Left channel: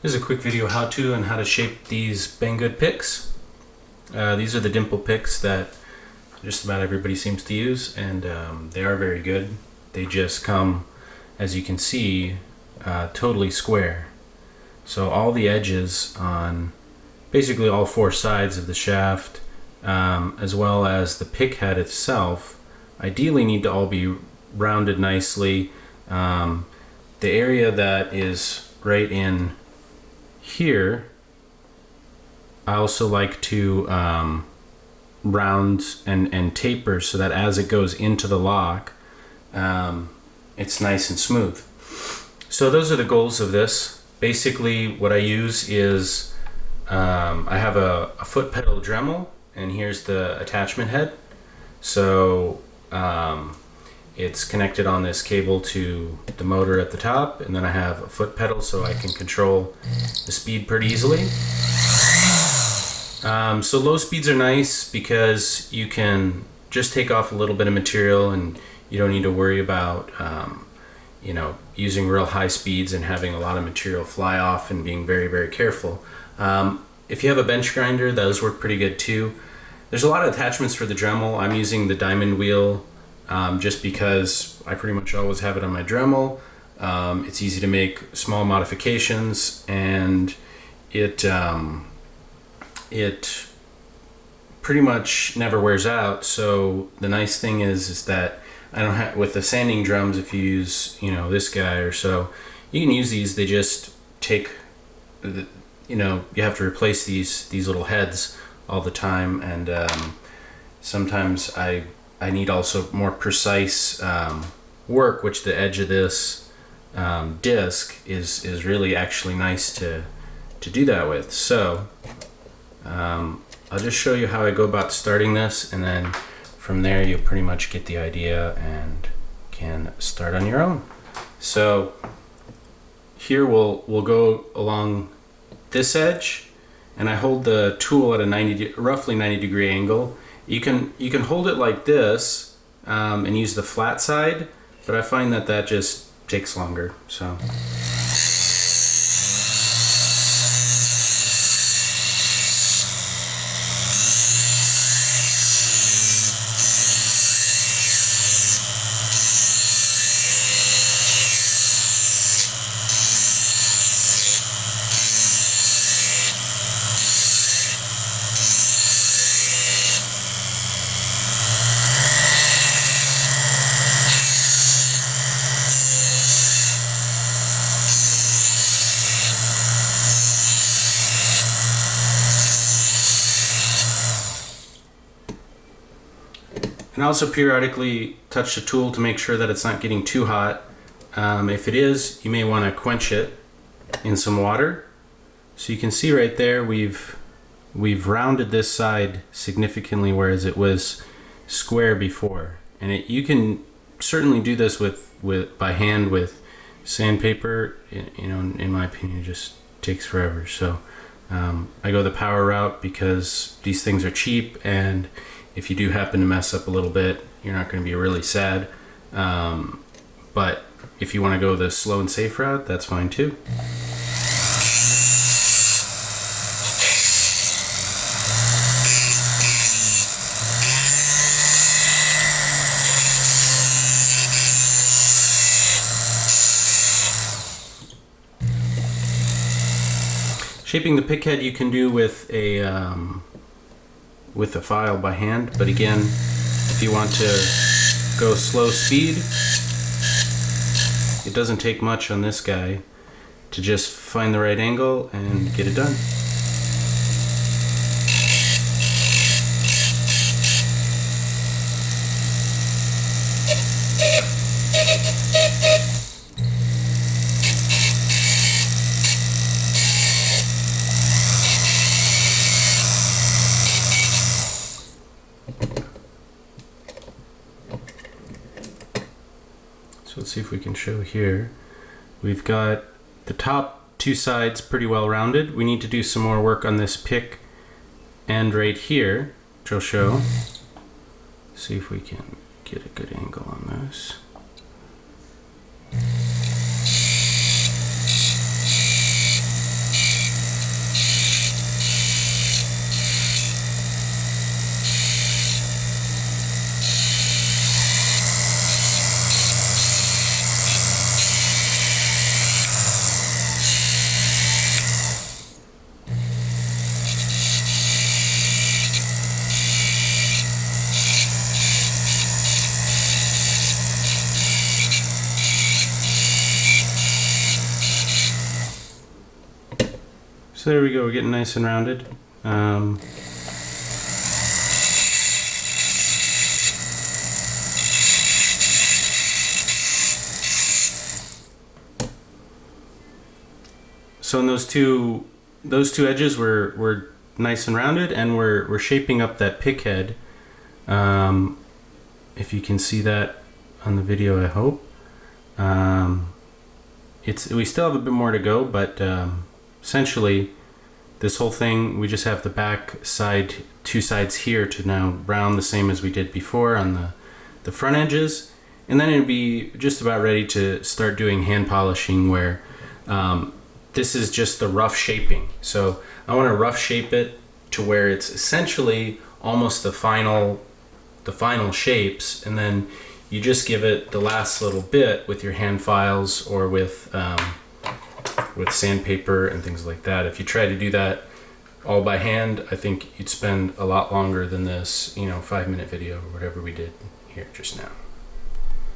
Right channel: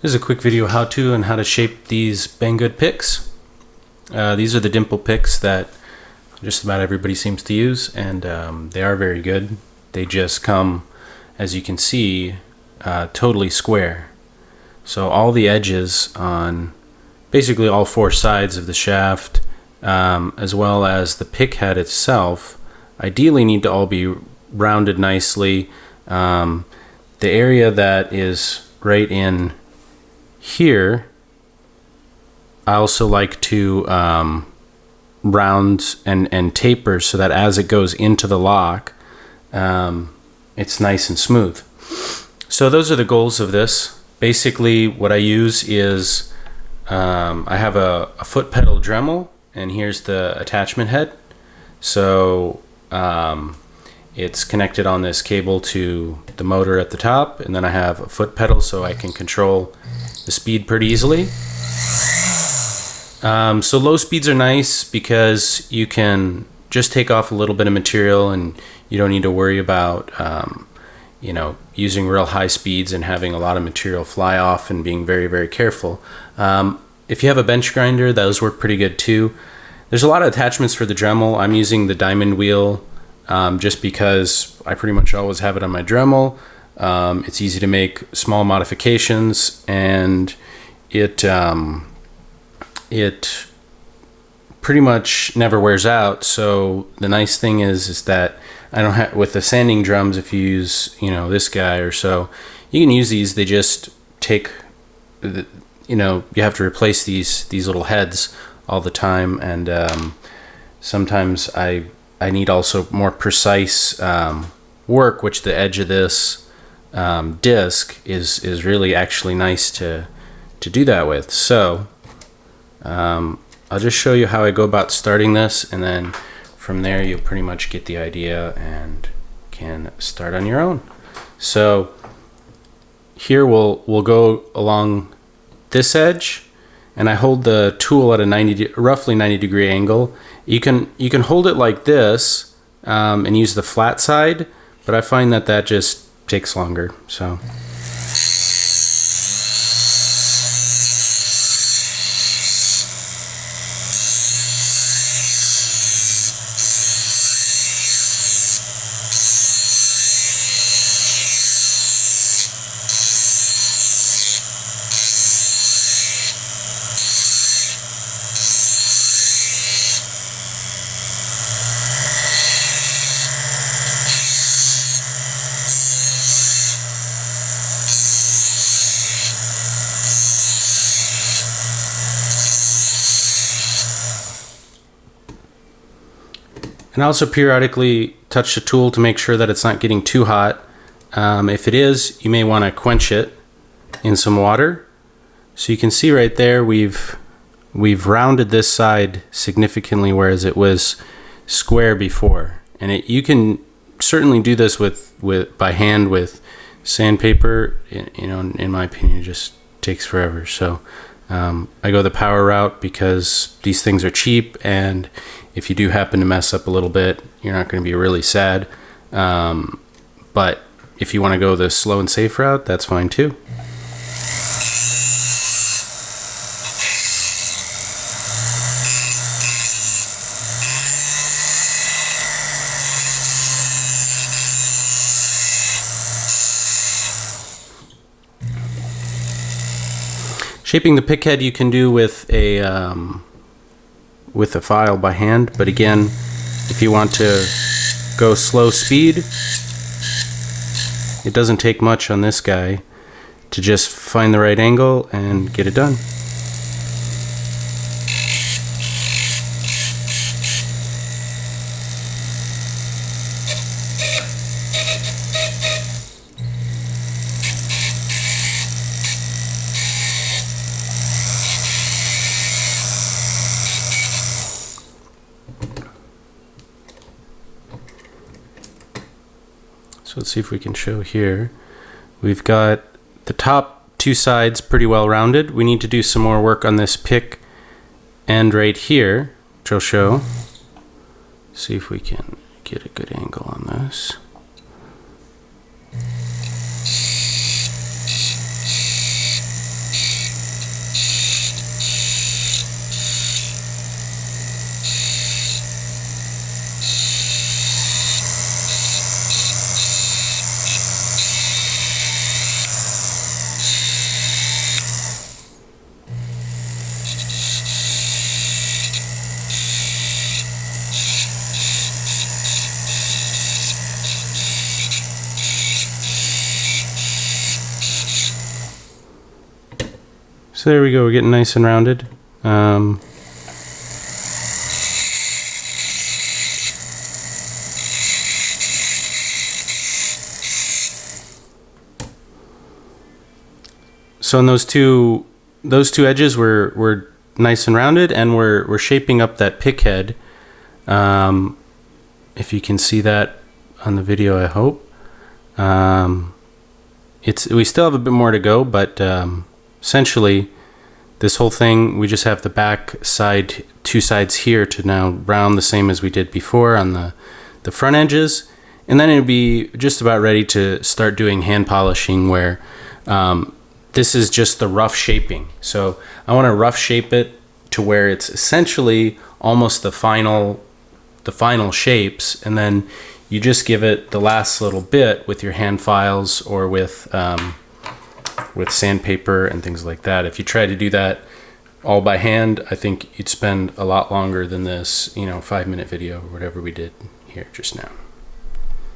This is a quick video how-to on how to shape these Banggood picks. These are the Dimple picks that just about everybody seems to use, and they are very good. They just come, as you can see, totally square. So all the edges on basically all four sides of the shaft, as well as the pick head itself, ideally need to all be rounded nicely. The area that is right in here, I also like to round and taper so that as it goes into the lock, it's nice and smooth. So those are the goals of this. Basically what I use is I have a foot pedal Dremel, and here's the attachment head. So it's connected on this cable to the motor at the top, and then I have a foot pedal so I can control the speed pretty easily. So low speeds are nice because you can just take off a little bit of material and you don't need to worry about using real high speeds and having a lot of material fly off and being very, very careful. If you have a bench grinder, those work pretty good too. There's a lot of attachments for the Dremel. I'm using the diamond wheel just because I pretty much always have it on my Dremel. It's easy to make small modifications, and it pretty much never wears out. So the nice thing is that I don't have, with the sanding drums, if you use this guy or so, you can use these. They just take you have to replace these little heads all the time, and sometimes I need also more precise work, which the edge of this disc is really actually nice to do that with. So I'll just show you how I go about starting this, and then from there you'll pretty much get the idea and can start on your own. So here we'll go along this edge, and I hold the tool at a roughly 90 degree angle. You can hold it like this and use the flat side, but I find that just takes longer. So and also periodically touch the tool to make sure that it's not getting too hot. If it is, you may want to quench it in some water. So you can see right there we've rounded this side significantly, whereas it was square before. And you can certainly do this by hand with sandpaper. In my opinion, it just takes forever. So I go the power route because these things are cheap, and if you do happen to mess up a little bit, you're not going to be really sad. But if you want to go the slow and safe route, that's fine too. Shaping the pick head you can do with a file by hand, but again, if you want to go slow speed, it doesn't take much on this guy to just find the right angle and get it done. So let's see if we can show here. We've got the top two sides pretty well rounded. We need to do some more work on this pick end right here, which I'll show. See if we can get a good angle on this. So there we go, we're getting nice and rounded. So in those two edges were nice and rounded, and we're shaping up that pick head. If you can see that on the video, I hope. We still have a bit more to go, but essentially this whole thing, we just have the back side, two sides here to now round the same as we did before on the front edges, and then it'd be just about ready to start doing hand polishing, where this is just the rough shaping. So I want to rough shape it to where it's essentially almost the final shapes, and then you just give it the last little bit with your hand files or with sandpaper and things like that. If you try to do that all by hand, I think you'd spend a lot longer than this, 5-minute video or whatever we did here just now.